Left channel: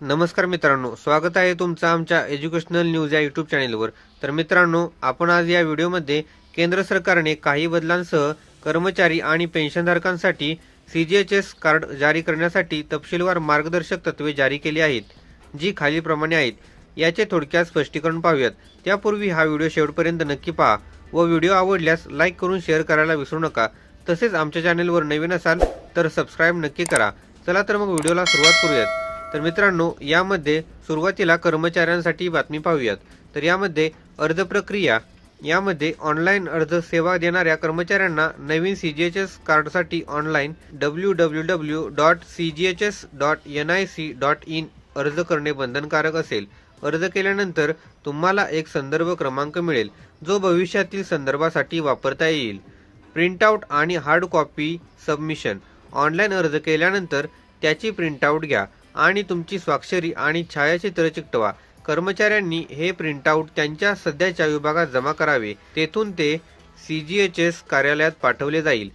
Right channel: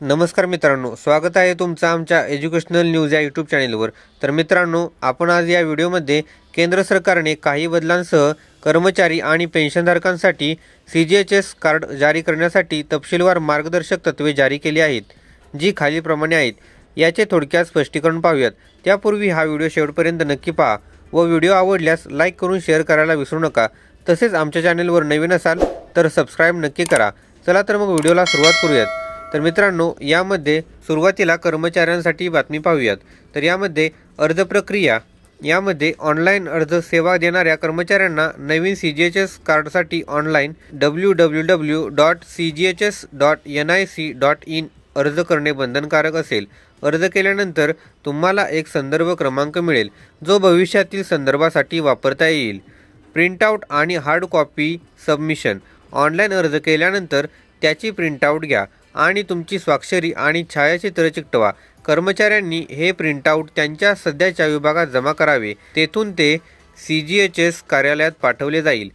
नमस्कार मित्रांनो, स्वागत आहे तुमचं आमच्या एज्युकेशनल न्यूज या यूट्यूब चॅनेलवर। तर मित्रांनो, आपण आज या व्हिडिओमध्ये केंद्र सरकारने काही बदलांसह कर्मचारी आणि पेन्शनधारकांसाठी सीजीएचएस कार्ड जारी करण्यासाठी तपशीलवार मार्गदर्शक तत्त्वे जारी केली आहेत, जी खालीलप्रमाणे आहेत। याचे थोडक्यात स्पष्टीकरण पाहूयात। त्यापूर्वी हा व्हिडिओ शेवटपर्यंत नक्की पहा व व्हिडिओ आवडल्यास लाईक करून शेअर करायला विसरू नका। तसेच आमच्या चॅनेलवर नवीन असाल तर सबस्क्राइब नक्की करा। चला तर मग व्हिडिओला सुरुवात करूयात। तर मित्रांनो, यामध्ये सुरुवातीला कर्मचाऱ्यांसाठी बातमी पाहूयात। तर यामध्ये अर्ज प्रक्रिया, यामध्ये ऑनलाईन अर्ज सेवा देणाऱ्या कर्मचाऱ्यांना नवीन सीजीएचएस कार्डसाठी ऑनलाईन www.cghs.nic.in अर्ज करणे बंधनकारक असेल। अर्ज केल्यानंतर तुम्हाला एक संदर्भ क्रमांक मिळेल, जो भविष्यातील संदर्भासाठी वापरता येईल। प्रिंटआउट आणि हार्ड कॉपी सबमिशन, ऑनलाईन अर्ज केल्यानंतर त्याची प्रिंटआउट घ्या आणि तुमची स्वाक्षरी आणि छायाचित्र चिकटवा। कर्मचाऱ्यांनी हे प्रिंटआउट त्यांच्या सध्याच्या विभागात जमा करावे, तेथून ते सीजीएचएस कार्यालयात पाठवले जाईल।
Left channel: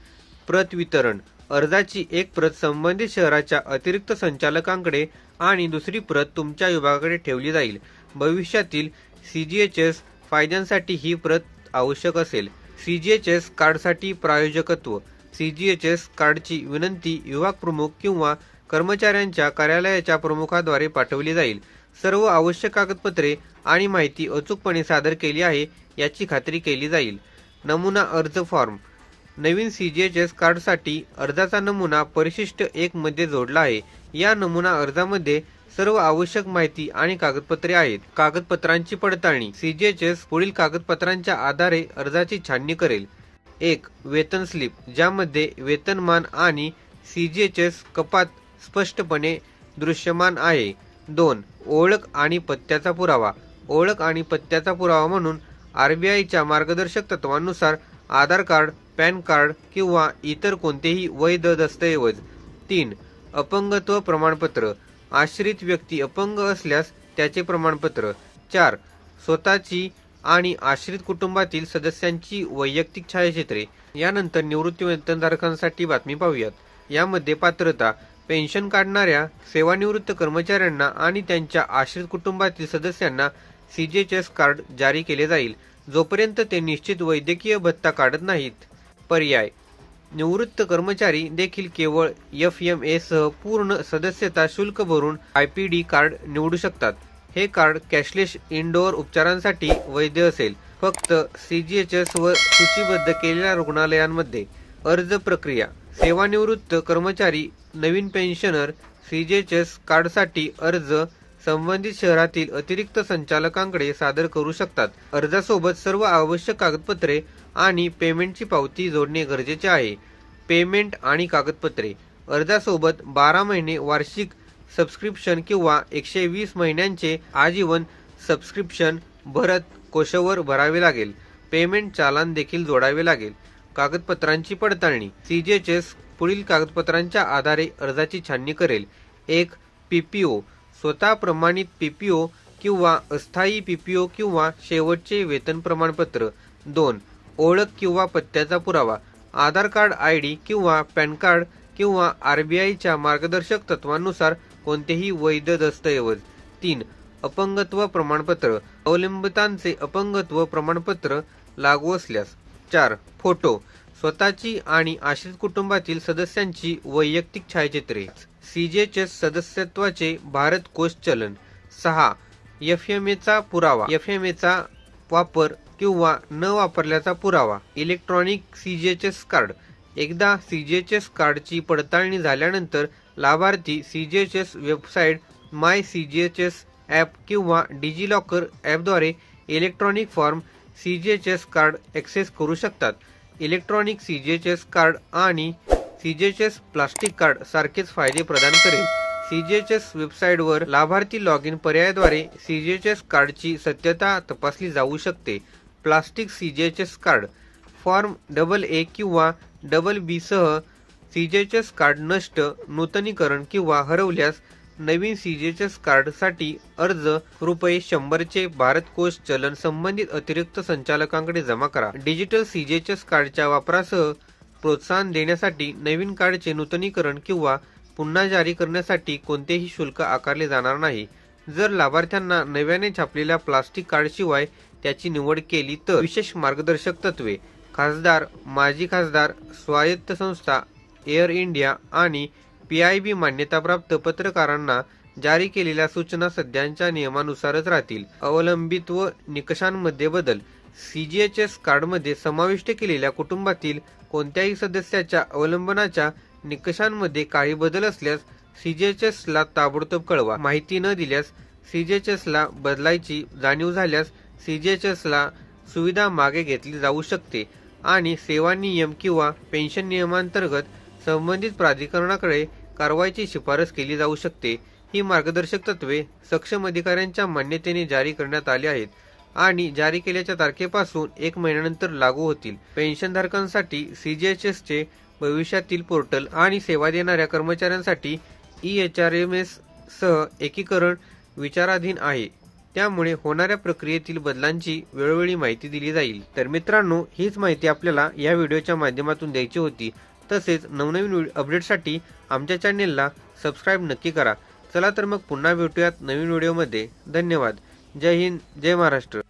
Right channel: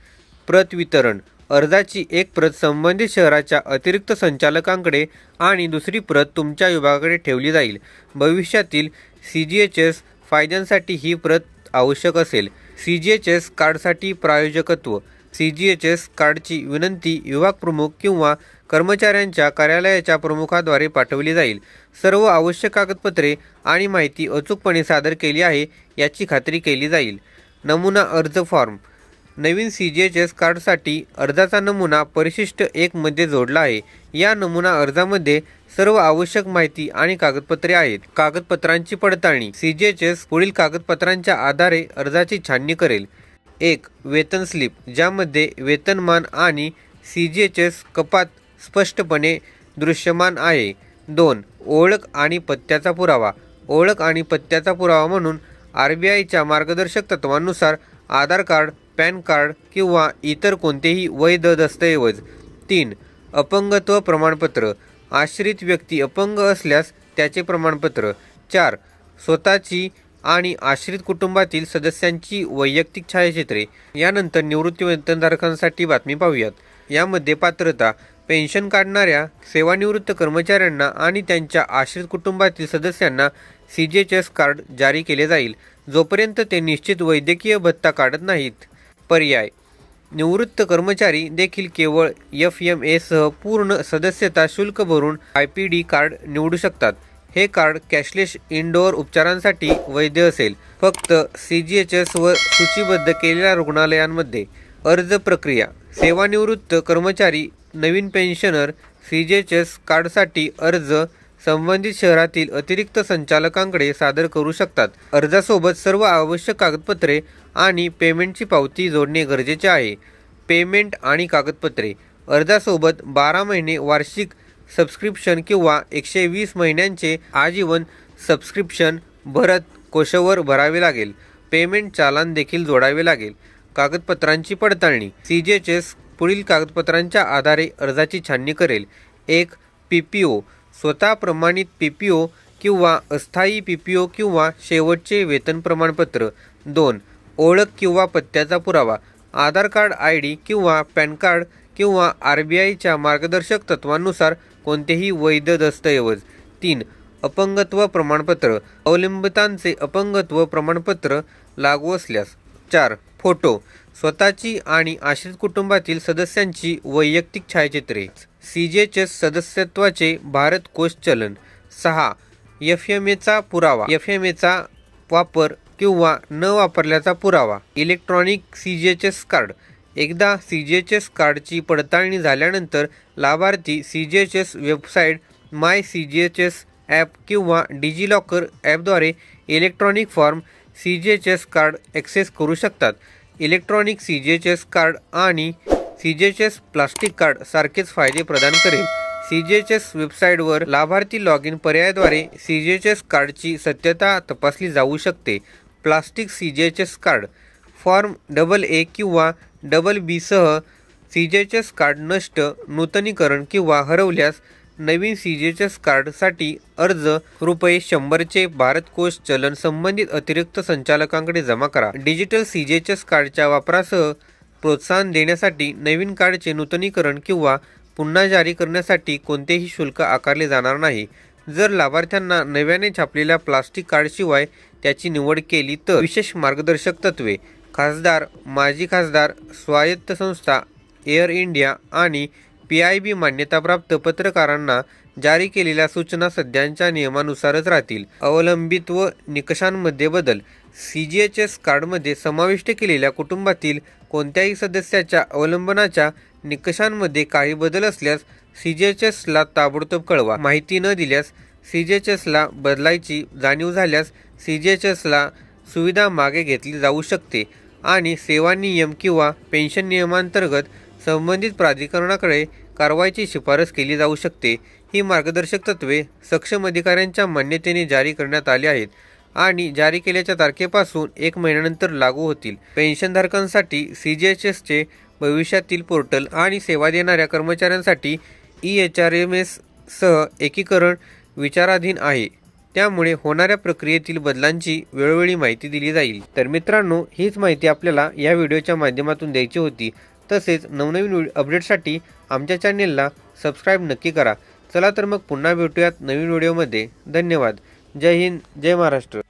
प्रत वितरण, अर्जाची एक प्रत संबंधित शहराच्या अतिरिक्त संचालकांकडे आणि दुसरी प्रत तुमच्या विभागाकडे ठेवली जाईल। भविष्यातील सीजीएचएस फायद्यांसाठी ही प्रत आवश्यक असेल। सीजीएचएस कार्डसाठी प्रायोजकत्व, सीजीएचएस कार्डची विनंती विभाग प्रमुख किंवा कर्मचाऱ्यांच्या कार्यालयाच्या प्रमुखाद्वारे पाठवली जाईल। सर्व आवश्यक कागदपत्रे आणि माहिती अचूकपणे सादर केली आहे याची खात्री केली जाईल। नमुना अर्ज फॉर्म, नवीन सीजीएचएस कार्डसाठी अर्जाचा नमुना परिशिष्ट 1 मध्ये जोडला आहे। या नमुना अर्जामध्ये सर्व आवश्यक माहिती आणि कागदपत्रे आहेत। कागदपत्रांची पडताळणी, सीजीएचएस पुढील कागदपत्रांच्या आधारे अर्जाची छाननी करेल। 1. वेतन स्लिप, ज्यामध्ये वेतनमान आणि सीजीएचएस कपात स्पष्टपणे दृश्यमान आहे। 2. ओळख आणि पत्त्याचा पुरावा, ओळख आणि पत्त्याचा पुरावा म्हणून आरबीआयच्या मार्गदर्शक तत्वांनुसार आधार कार्ड, पॅन कार्ड किंवा इतर कोणतेही वैध दस्तऐवज। 3. अपंगत्व प्रमाणपत्र, आश्रित व्यक्ती अपंग असल्यास त्याचे प्रमाणपत्र। 4. स्वतःची आणि आश्रित कुटुंबातील सदस्यांची वैयक्तिक छायाचित्रे। यानंतर निवृत्ती वेतनधारकांसाठी बातमी पाहूयात। यामध्ये पात्रता, पेन्शन काढणाऱ्या सेवानिवृत्त कर्मचाऱ्यांना आणि त्यांच्या आश्रित कुटुंबातील सदस्यांना सीजीएचएस कार्ड जारी केले जाईल, जोपर्यंत ते निश्चित वैद्यकीय भत्ता काढत नाहीत। पर्याय, निवृत्त कर्मचारी देखील केवळ एफएमए सह पूर्ण सदस्यता शुल्क भरून आयपीडी कार्ड निवडू शकतात। हे कार्ड कॅशलेस इनडोअर उपचारांसाठी वैध असेल, फक्त सीजीएचएस वर सूचीबद्ध केलेल्या रुग्णालयांमध्ये। अर्ज प्रक्रिया, सेवानिवृत्त कर्मचारी नवीन पेन्शनर सीजीएचएस कार्डसाठी अर्ज संबंधित शहरातील अतिरिक्त संचालकांकडे सादर करू शकतात। अर्जासोबत सर्व आवश्यक कागदपत्रे आणि पेमेंटची पावती जोडणे गरजेचे आहे। पेमेंट आणि कागदपत्रे, अर्जासोबत 12 महिने वार्षिक सबस्क्रिप्शन किंवा 120 महिन्यांचे आजीवन सबस्क्रिप्शन भरत कोशावर भरावे लागेल। पेमेंट चालान देखील जोडावे लागेल। कागदपत्रांची पडताळणी, सीजीएचएस पुढील कागदपत्रांच्या आधारे अर्जाची छाननी करेल। 1. पीपीओ, स्वतः प्रमाणित पीपीओ किंवा अस्थायी पीपीओ किंवा शेवटचे वेतन प्रमाणपत्र। 2. ओळख किंवा पत्त्याचा पुरावा, आधार कार्ड, आयडी किंवा पॅन कार्ड किंवा आरबीआयच्या मार्गदर्शक तत्वांनुसार कोणतेही वैध दस्तऐवज। 3. अपंगत्व प्रमाणपत्र, अवलंबितांचे अपंगत्व प्रमाणपत्र लागू असल्यास। 4. फोटो, स्वतःची आणि आश्रित कुटुंबातील सदस्यांची वैयक्तिक छायाचित्रे। सीजीएचएस सदस्यत्वाचे भारत कोष चलन। 6. एफएमएचा पुरावा, एफएमएचा वापर किंवा न वापरल्याचा पुरावा। इलेक्ट्रॉनिक सीजीएचएस कार्ड, एकदा सीजीएचएस कार्डची पडताळणी झाल्यानंतर लाभार्थी सीजीएचएस वेबसाईट, माय सीजीएचएस ॲप किंवा डिजिलॉकर ॲपद्वारे electronic form CGHS card access करू शकतात। इलेक्ट्रॉनिक सीजीएचएस कार्ड आणि सीजीएचएस प्लास्टिक कार्ड सारखेच फायदे प्रदान करेल। सीजीएचएस वेबसाईटवर लाभार्थी लॉगिन पर्यायाद्वारे सीजीएचएस कार्डची सत्यता तपासली जाऊ शकते। Plastic CGHS card, form AA किंवा BB सह सीजीएचएस कार्ड नष्ट, नूतनीकरण किंवा हरवल्यास नवीन सीजीएचएस कार्डसाठी अर्ज ₹100 चे भारत कोष चलन संबंधित अतिरिक्त संचालकांकडे जमा करा। डिजिटल सीजीएचएस कार्डच्या वापरासह प्रोत्साहन देण्यासाठी नवीन कार्डचे नूतनीकरण किंवा पुन्हा जारी करण्यासाठी कोणतेही शुल्क आकारले जाणार नाही। जर लाभार्थ्यांना नव्याने छापलेल्या प्लास्टिक कार्डशिवाय त्याची निवड केली तर विशेष मार्गदर्शक तत्वे खासदार, माजी खासदार, स्वायत्त संस्था, एअर इंडिया आणि PIB मान्यताप्राप्त पत्रकारांना जारी केलेल्या सूचना सध्याच्या नियमानुसारच राहतील। अवलंबित्व निकषांमध्ये बदल CGHS कार्डमध्ये समाविष्ट केलेल्या कुटुंबातील कोणत्याही सदस्याच्या अवलंबनाच्या निकषांमध्ये काही बदल असल्यास CGHS ला ताबडतोब कळवा। माहिती न दिल्यास CGHS ला बदलायची जाणीव झाल्यास CGHS ला सुविधा मागे घेतली जाऊ शकते आणि सेवा नियम किंवा पेन्शन नियमांतर्गत संबंधित प्राधिकरणाकडे कारवाईची शिफारस केली जाऊ शकते। ही मार्गदर्शक तत्वे सक्षम अधिकाऱ्यांच्या मान्यतेने जारी करण्यात आली आहेत आणि जारी केल्याच्या तारखेपासून 1 महिन्यानंतर लागू होतील। पेन्शनधारकांसाठी CGHS चे भविष्यातील पोर्टल आणि सेवा देणाऱ्या कर्मचाऱ्यांसाठी EHRMS सह एकीकरण विचाराधीन आहे, त्यामुळे होणाऱ्या प्रक्रियेतील बदलांची वेळोवेळी माहिती दिली जाईल। तर मित्रांनो, हीच माहिती आपल्याला या व्हिडिओच्या माध्यमातून द्यायची होती। तसेच नवनवीन अपडेटसाठी आमच्या चॅनेलला सबस्क्राईब नक्की करा। चला तर मग पुन्हा भेटूयात नवीन व्हिडिओमध्ये। धन्यवाद। जय हिंद, जय महाराष्ट्र।